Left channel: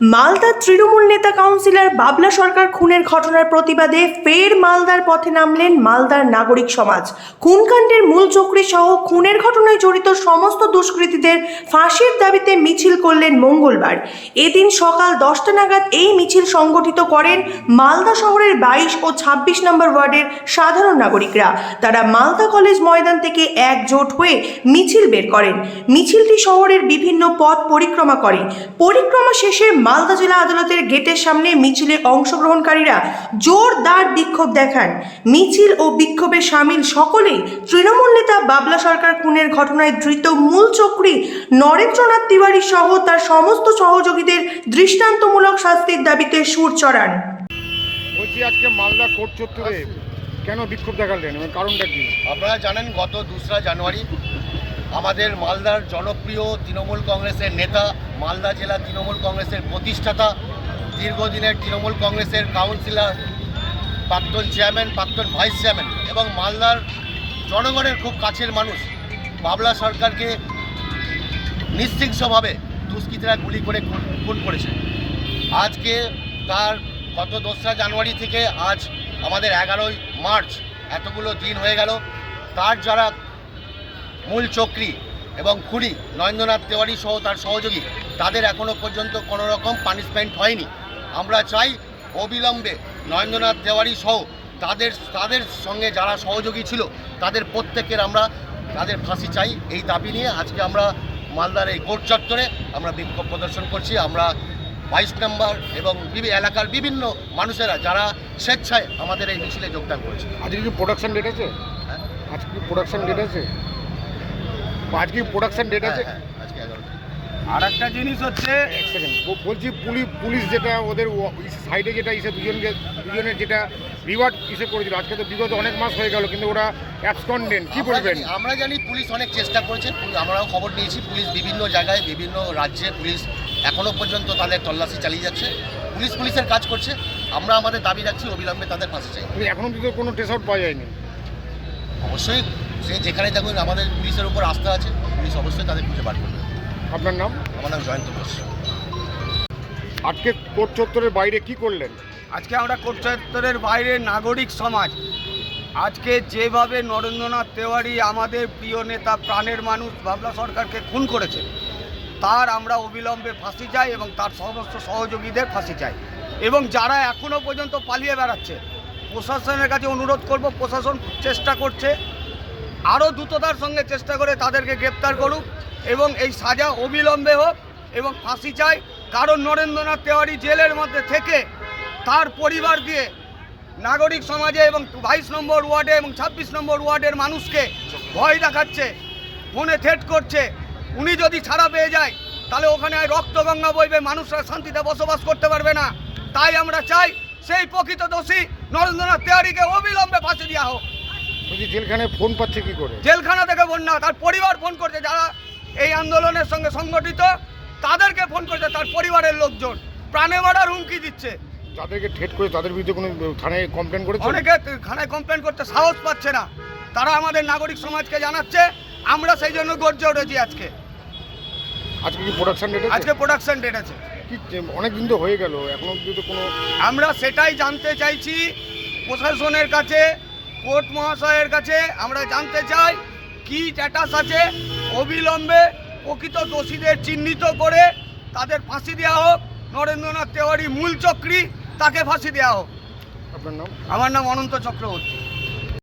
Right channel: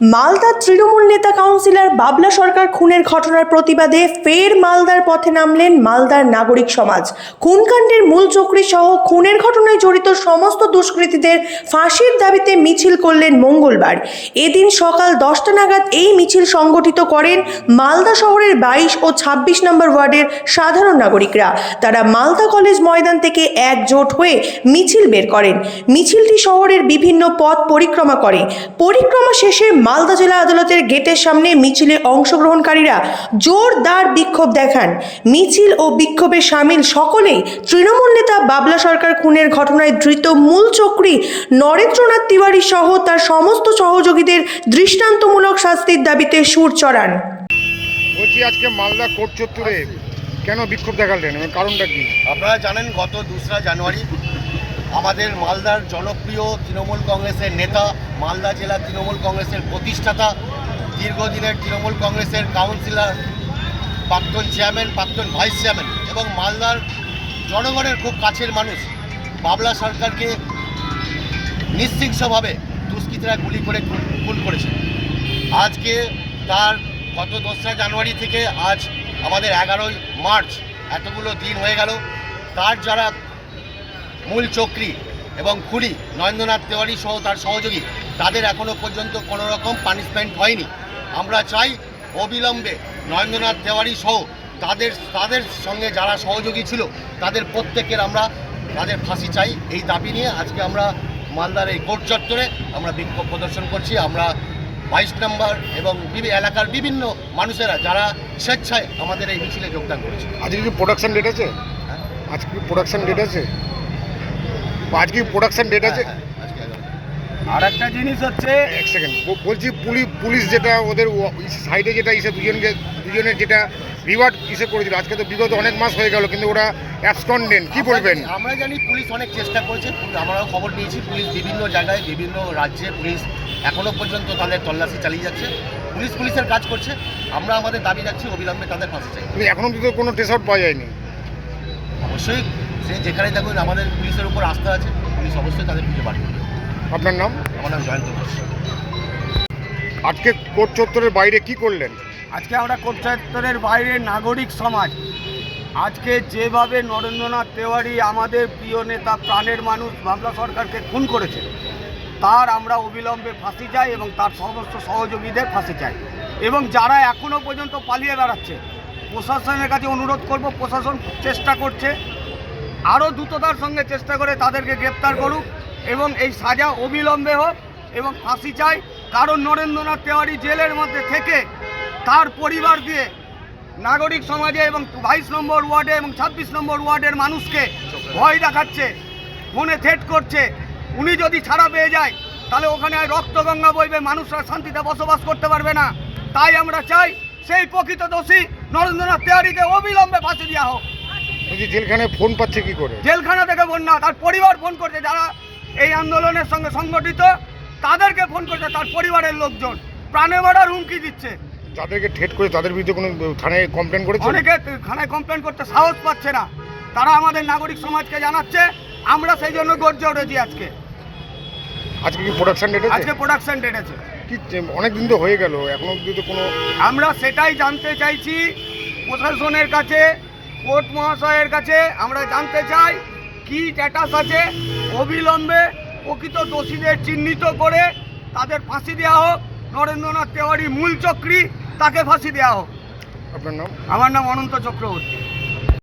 মালদার তৃণমূল নেতা কাউন্সিলর বাবলা সরকার খুনের ঘটনার প্রতিবাদে ফের মালদার পথে নামলেন মালদার নাগরিক সমাজ। খুনকাণ্ডের মূল চক্রী সহ খুনের ঘটনায় জড়িত সমস্ত দুষ্কৃতীদের ফাঁসির দাবিতে মিছিল করলেন মঙ্গলবার। এদিন সকাল 10টা নাগাদ এই মিছিল সংগঠিত করেন মালদা শহরের 22 ও 26 নম্বর ওয়ার্ডের সাধারণ নাগরিকরা। তারা মালদা কলেজ ময়দান থেকে একজোট হয়ে মিছিল বের করেন। মিছিলটি শহরের বিভিন্ন পথ পরিক্রমা করে। পরিক্রমা শেষে মালদা জেলা আদালতের গেটের সামনে মিছিলে অংশগ্রহণকারীরা জোরদার বিক্ষোভ দেখান। মিছিল ও বিক্ষোভে সামিল সকলেই তৃণমূল নেতা বাবলা সরকার খুনের ঘটনায় ধৃত মূল চক্রী নরেন্দ্রনাথ তিওয়ারি সহ তার সমস্ত সহযোগীদের দৃষ্টান্তমূলক শাস্তির দাবিতে সুর চড়ান। বলছি, আজকে মালদা কোর্ট চত্বরে কেন বিক্ষোভ দেখালেন এবং কারণটা কি? আপনারা জানেন, গত 2রা জানুয়ারি আমাদের মালদার জনপ্রিয় তৃণমূল কংগ্রেসের নেতা, মালদা জেলা তৃণমূল কংগ্রেসের প্রতিষ্ঠাতা, দীর্ঘদিনের তৃণমূল কংগ্রেসের কাউন্সিলর, প্রাক্তন চেয়ারম্যান, প্রাক্তন ভাইস চেয়ারম্যান এবং মালদার জনগণের খুব কাছের মানুষ বাবলা সরকারকে নৃশংসভাবে দুষ্কৃতীরা গুলি করে খুন করেছে। আজকে তার গত 2রা জানুয়ারি থেকে আজ আমাদের 11ই মার্চ, এতগুলো দিন হয়ে গেল। তার যারা মূল চক্রী এবং খুনি নরেন্দ্রনাথ তিওয়ারি সহ তার সহযোগী, তাদের এখনও পর্যন্ত কোনো রকম পানিশমেন্ট হয়নি। আমরা চাই অবিলম্বে নরেন্দ্রনাথ তিওয়ারি সহ তাদের সঙ্গে যারা সহযোগী ছিল তাদের প্রত্যেকের তাদের ফাঁসি চাই। এই দাবি নিয়ে আজকে আমরা মালদার এই কোর্ট চত্বরে আমরা বিক্ষোভ প্রদর্শন করছি। আমরা 22 নম্বর এবং এলাকার বিভিন্ন মানুষেরা যারা স্বেচ্ছায় আমাদের এই মিছিলে যোগদান করেছে। আজকে কি প্রোডাকশন ডেট আছে? আজকে কি প্রোডাকশন ডেট আছে? আজকে প্রোডাকশন ডেট আছে? আর একটা জিনিস হচ্ছে, এক সেকেন্ড বলছি, পুলিশ যেটা ওদের সাইডে যেটা দুজনের যেটা রিওয়ার্ড করেছিল, আজকে তো বিগত অনেক মাস হয়ে গেল, কিন্তু ওরা অ্যাবসকন্ডেন্ট, কি বলবেন? আমরা জানি পুলিশ অনেক চেষ্টা করেছে, আমরাও খবর নিয়েছি। পুলিশ বিভিন্ন জায়গায় বিভিন্ন রাজ্যে পুলিশ এখনও পর্যন্ত তাদের তল্লাশি চালিয়ে যাচ্ছে। পুলিশের কাজ করছে। আমরা আমাদের দাবি রাখছি অবিলম্বে তাদের ফাঁসি চাই। এখনও কিন্তু কোনো ট্রেস আউট পাওয়া যায়নি। অবশ্যই সে যেখানে থাকুন, আমাদের পুলিশের উপর আস্থা আছে, পুলিশ অবশ্যই তাদের খুঁজে বার করবে। আপনার নাম? আমার নাম জয়ন্ত ঘোষ। আজকে কোর্ট চত্বরের বাইরে কি করলেন? আজকে আমরা কোর্ট চত্বরের বাইরে নাগরিক সমাজ আজকে যেভাবে নরেন্দ্রনাথ তিওয়ারি আমাদের প্রিয় নেতা, প্রাণের মানুষ বাবলা সরকারকে খুন করেছে, তার আমরা অবিলম্বে ফাঁসি চাই এবং তার সমস্ত সহযোগীদের ফাঁসি চাই। এবং যারা এখনও পর্যন্ত পালিয়ে বেড়াচ্ছে, প্রশাসনের কাছে অনুরোধ করব, প্রশাসন চেষ্টা করছে, আরও দ্রুততার সঙ্গে চেষ্টা করে তাদেরকে গ্রেপ্তার করুক এবং এই সাজা অবিলম্বে হোক এবং ফাঁসি চাই। কারণ নরেন্দ্রনাথ তিওয়ারি জেলের মধ্যে থেকে তার পরিবার দিয়ে নাগরিক সমাজে এবং 22 নম্বর ওয়ার্ডে এবং 26 নম্বর ওয়ার্ডের মানুষকে ভয় দেখাচ্ছে, ফোনে থ্রেট করছে। উনি যদি ছাড়া পেয়ে যায় তাহলে ওখানে রক্তগঙ্গা বইবে, মানুষরা শান্তিতে বসবাস করতে পারবে না। তাই আমরা চাই সেই প্রকৃত দোষী নরেন্দ্রনাথ তিওয়ারিকে অবিলম্বে ফাঁসি দেওয়া হোক। বলছি, জেলখানায় ফোন পাচ্ছে কি করে? জেলখানা থেকে ফোন না, তার পরিবার ফোন করছে, যারা এই আন্দোলনের সঙ্গে সংগঠিত তাদেরকে ফোন করছে, তার পরিবারের লোকজন প্রাণে মারার হুমকি দিচ্ছে। যাদেরকে ঠেট করে তাদের বিরুদ্ধে কোনো থানায় কমপ্লেন করেছে? অনেকে থানায় কমপ্লেন করতে সাহস পাচ্ছে না। তারা আমাদের নাগরিক সমাজকে জানাচ্ছে, আমরা সেই জন্য গর্জে উঠেছি। আজকে কি প্রোডাকশন ডেট আছে? আজকে প্রোডাকশন ডেট আছে। কি অনেক দিন তো হয়ে গেল, এখনো অবধি তো কোনো... আমরা সেটাই জানতে চাইছি প্রশাসনের কাছে, কোর্ট মহাশয়ের কাছে আমরা জানতে চাই কি স্ট্যাটাস আছে। অবিলম্বে প্রকৃত দোষীদের চিহ্নিত করে তাদের ফাঁসি দেওয়া হোক। নরেন্দ্রনাথ তিওয়ারি মূল চক্রী, তাকে ফাঁসি দেওয়া হোক। আপনার নাম? আমার নাম অনন্ত চক্রবর্তী।